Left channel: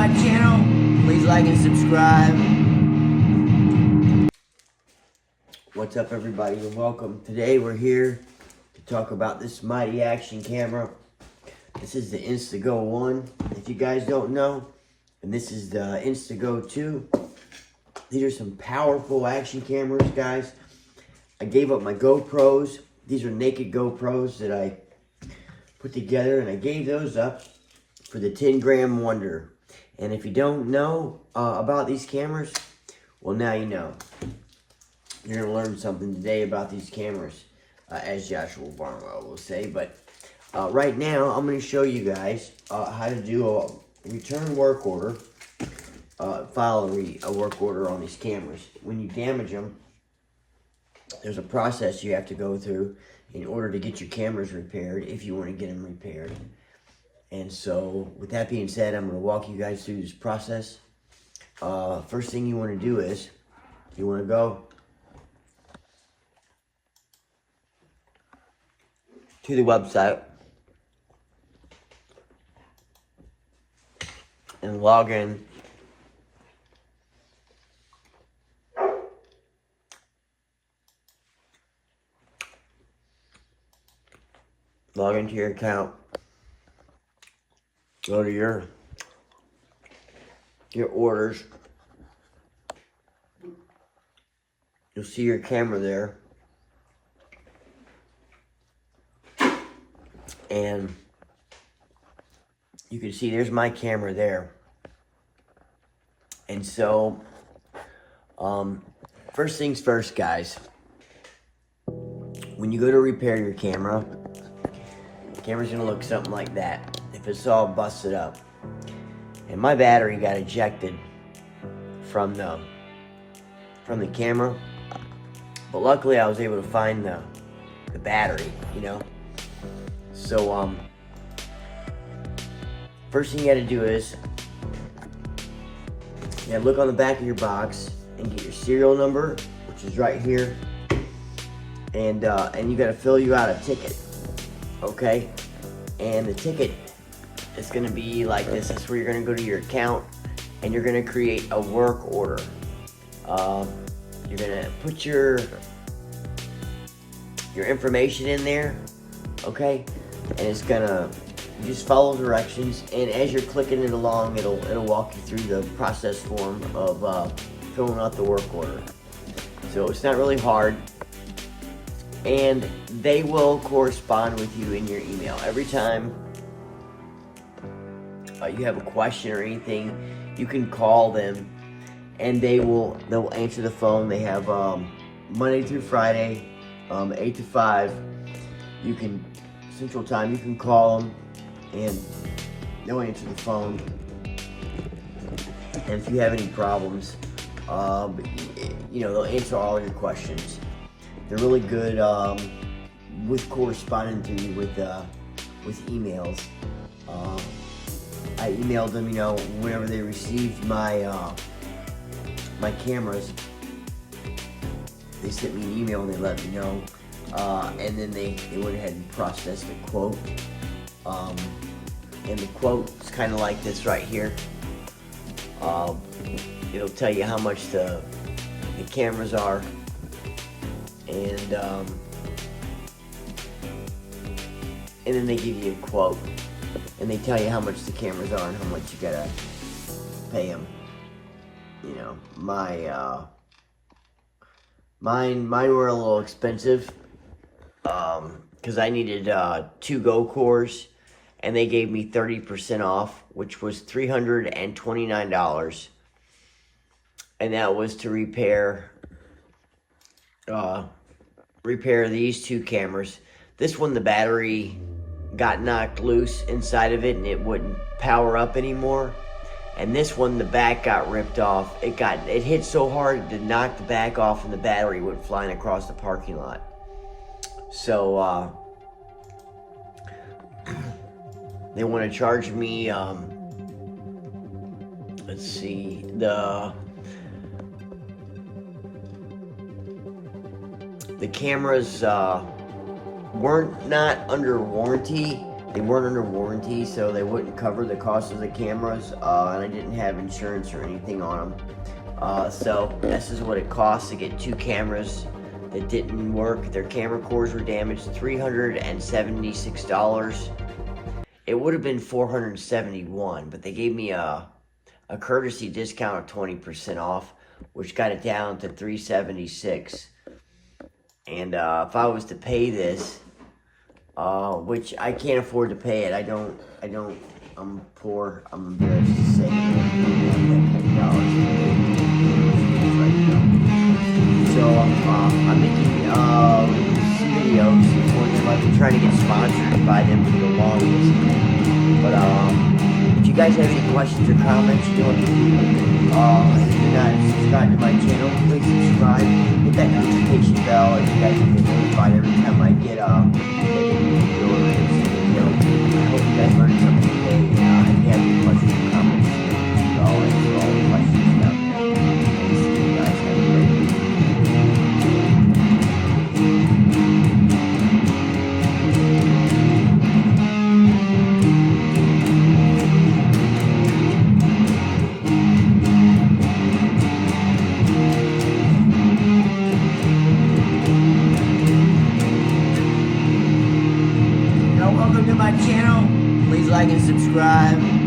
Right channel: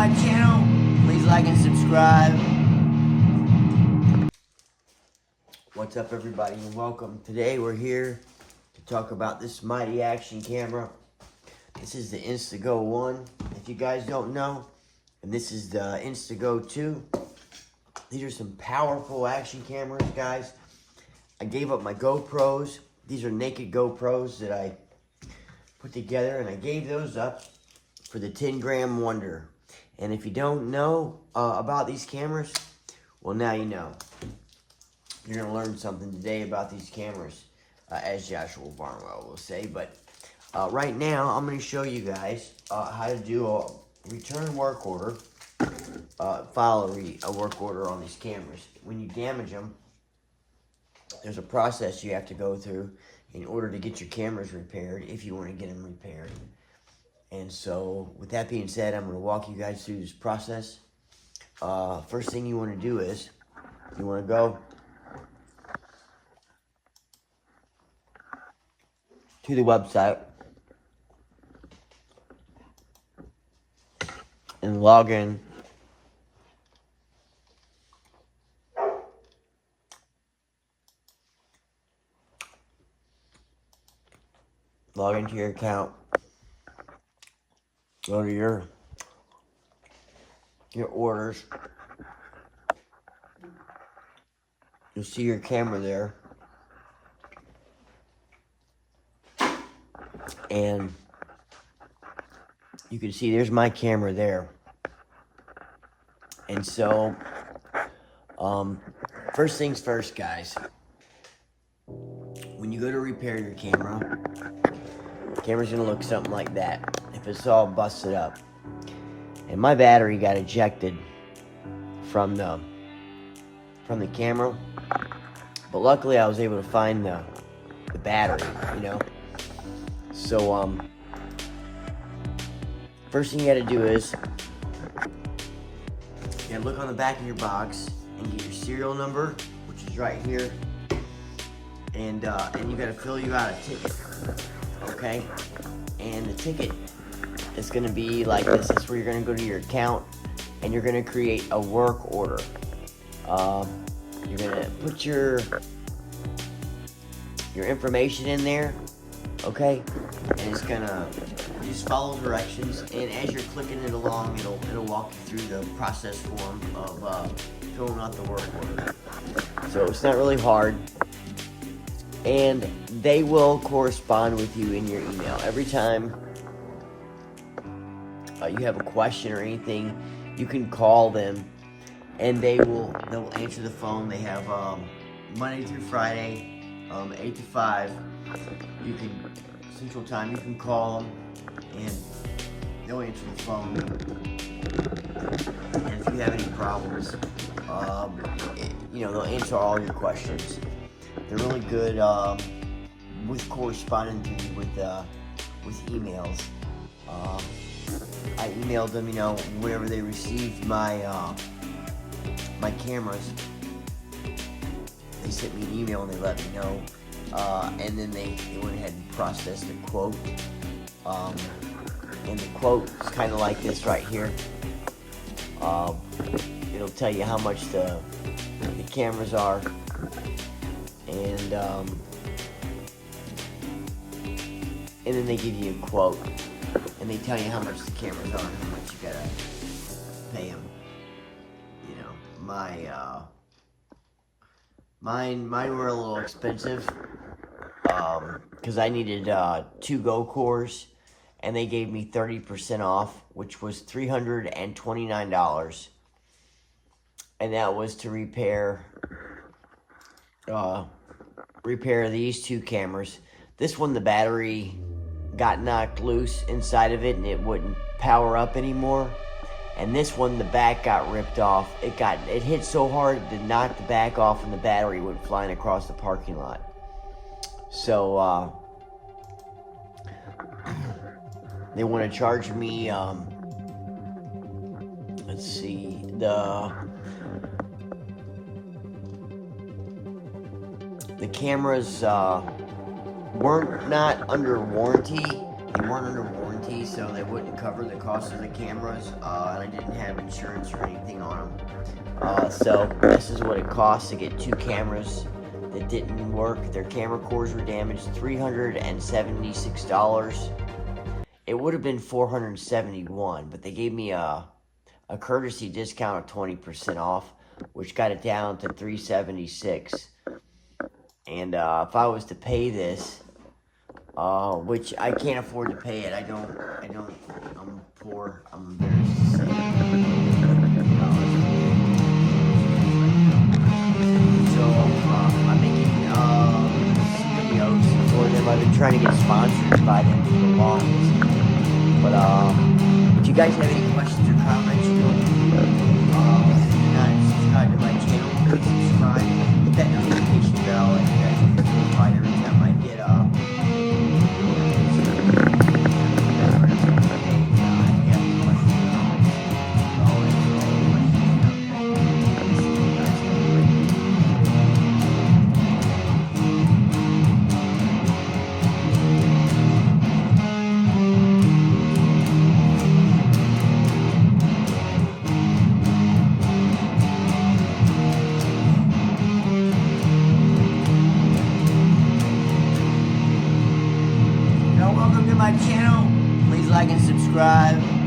my channel, please like and subscribe. What's up, everybody, and welcome. Today we're here to talk about this mighty action camera. This is the Insta360 GO 1, if you guys don't know. And this is the Insta360 GO 2. These are some powerful action cameras, guys. I gave up my GoPros. These are naked GoPros that I put together, and I gave those up for the 10-gram wonder. And if you don't know about these cameras, well, now you know. You're going to learn something today about these cameras, as Joshua Barnwell will say. But right now, I'm going to show you guys how to do a return work order, file a work order on these cameras. When you damage them, there's a process you have to go through in order to get your cameras repaired, if you want to get them repaired. And so, with that being said, I'm going to walk you guys through this process. First thing you want to do is, you want to go to the website and log in. Log into your account. Go to your orders. You'll see your camera there. And you can see there's my camera there. And so, first things first, guys. When you go to repair your camera, the camera's gonna look something like that if it's all busted up. And my battery got ejected from the camera, but luckily I was able to find the battery, you know. So first thing you gotta do is you gotta look on the back of your box and get your serial number, which is right here, and you gotta fill you out a ticket, okay? And the ticket is gonna be like this. That's where you're gonna go to your account and you're gonna create a work order. You're gonna put your information in there, okay? And it's gonna, you just follow directions, and as you're clicking it along, it'll walk you through the process form of filling out the work order. So it's not really hard, and they will correspond with you in your email every time you have a question or anything. You can call them, and they'll answer the phone. They have Monday through Friday, 8 to 5. You can Central Time. You can call them, and they'll answer the phone. And if you have any problems, you know, they'll answer all your questions. They're really good with corresponding to you with emails. I emailed them, you know, whenever they received my my cameras. They sent me an email and they let me know, and then they went ahead and processed a quote. And the quote is kind of like this right here. It'll tell you how much the cameras are, and then they give you a quote, and they tell you how much the cameras are and how much you gotta pay them. You know, mine were a little expensive, because I needed 2 Go cores, and they gave me 30% off, which was $329, and that was to repair these 2 cameras. This one, the battery got knocked loose inside of it, and it wouldn't power up anymore. And this one, the back got ripped off. It hit so hard it did knock the back off, and the battery went flying across the parking lot. So they want to charge me, let's see, the cameras weren't not under warranty, they weren't under warranty, so they wouldn't cover the cost of the cameras, and I didn't have insurance or anything on them. So this is what it costs to get 2 cameras that didn't work. Their camera cores were damaged, $376. It would have been $471, but they gave me a courtesy discount of 20% off, which got it down to $376. And if I was to pay this, which I can't afford to pay it, I'm poor, I'm embarrassed to say it. So I'm making some videos for them. I've been trying to get sponsored by them for the longest. But if you guys have any questions or comments, if you're not subscribed to my channel, please subscribe. Hit that notification bell, and you guys will get notified every time I get I hope you guys learned something today. If you have any questions or comments, I'll answer all the questions out there. I'll see you guys. Have a great day. Welcome to my channel. Please like and subscribe.